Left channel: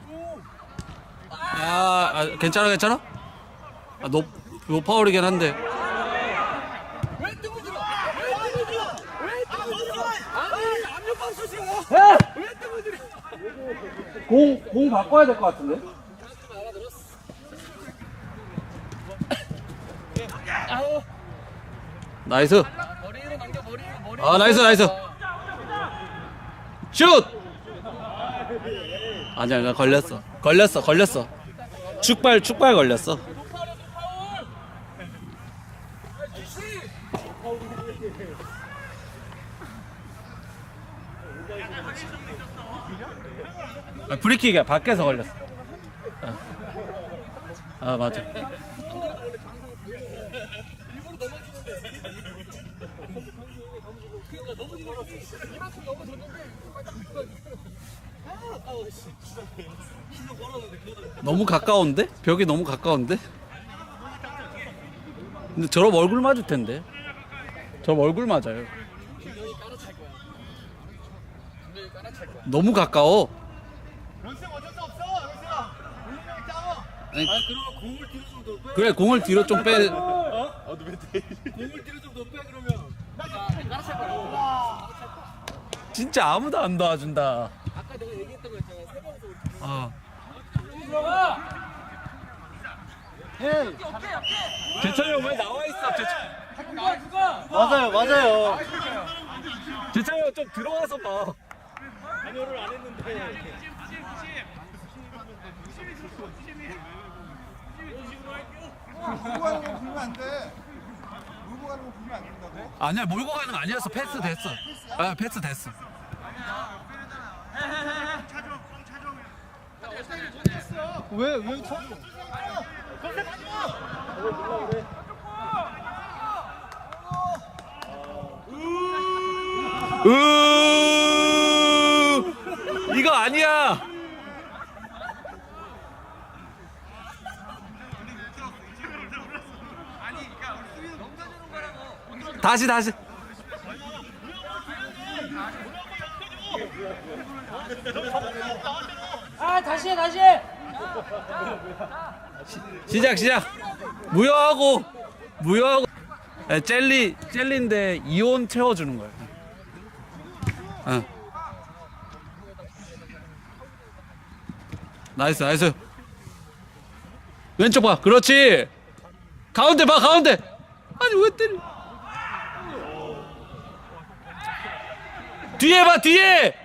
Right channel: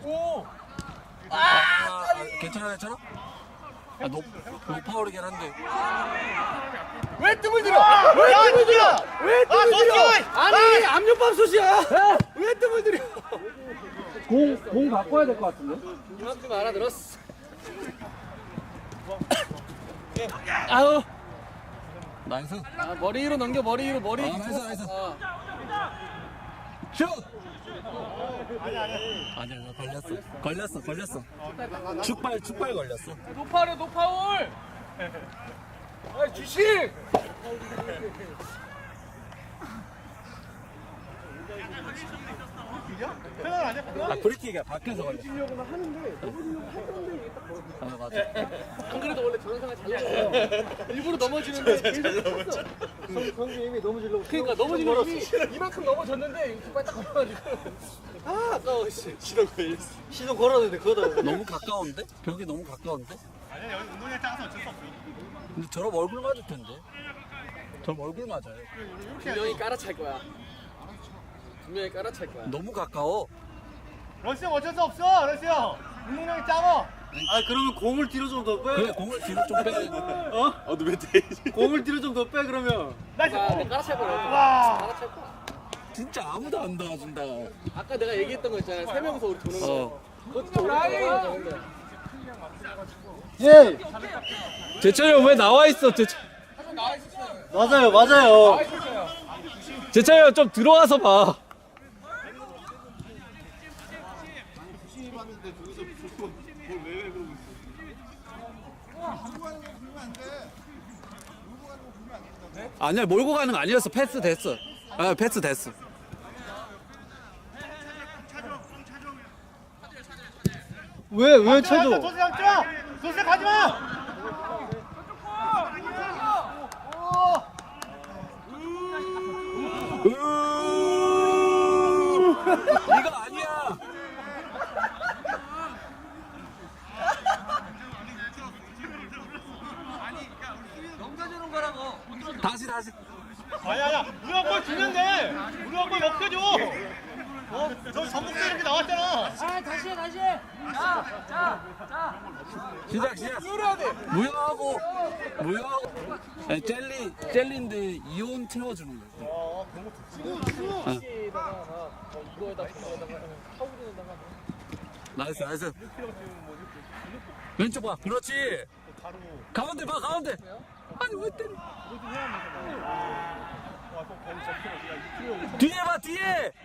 괜찮아 괜찮아? 노파울이긴 한데. 왜 뜸을 들여? 왜 뜸을 들여? 왜 뜸을 들여? 아니 압력밥솥이야. 왜 뜸을 들여? 공 바꿔야 될 것 같은데? 그만큼 알아들었어. 아우. 나이스. 머리 위로 넘겨 머리 위로 머리. 나이스 나이스. 슛. 아니야 걸렸어. 축발 걸렸어. 노파울. 주식. 프리킥이야. 밖에서 걸렸어. 맞아. 안 그래도 원래 저런 상황 잘 넘어. 일부러 넘어지는데 경기 이미 넘어지려고. 그러니까 넘어지는 이미 이만큼 넘어졌는데 빨리 딱 걸려가지고. 아까워 씨. 시동 걸었는데 그거다. 너무 가까운데? 벽이 너무 가까운데? 근데 저럼 얼굴 맞을 텐데. 저럼 얼굴 맞아요. 분명히 깔아찰 거야. 분명히 깔아찰 거야. 너무 가까워. 러시 형 어쩔 수 없어. 러시 형. 운동량이 작아. 그러면 공을 뒤로 좀 더 빼. 그래 공을 뒤로 좀 빼. 너왜 돼? 공을 뒤로 좀 더 빼 그러면. 깔아찰 거야. 깔아찰 거야. 진짜 아무도 안 도와준다. 아까 내가 얘기했던 거 있잖아. 세 명이서 우리 도는 거. 어. 그것도 오른쪽으로 예. 재철이 형 왜 나와 있어? 맞아요. 재철이 형 좀 들어와서 봐. 몰고 가는 거 불면 안 돼. 몰고 가는 거 불면 안 된다고. 아니야 몰고 가는 거 아니었어. 패스 됐어. 패스 됐어. 왜 쳐줘? 조세 형 쳐. 조세 가지 마. 이거 아니야. 다시. 아니야. 우리가 골 주면 돼. 우리가 골 역해줘. 저 전북대 이렇게 나왔잖아. 다시 해. 시작. 무효하고. 젤리인데 이온 채워주는 거야. 나이스. 왼쪽 봐. 그렇지. 가운데 봐. 아니 왜 때려? 뒤에 봐.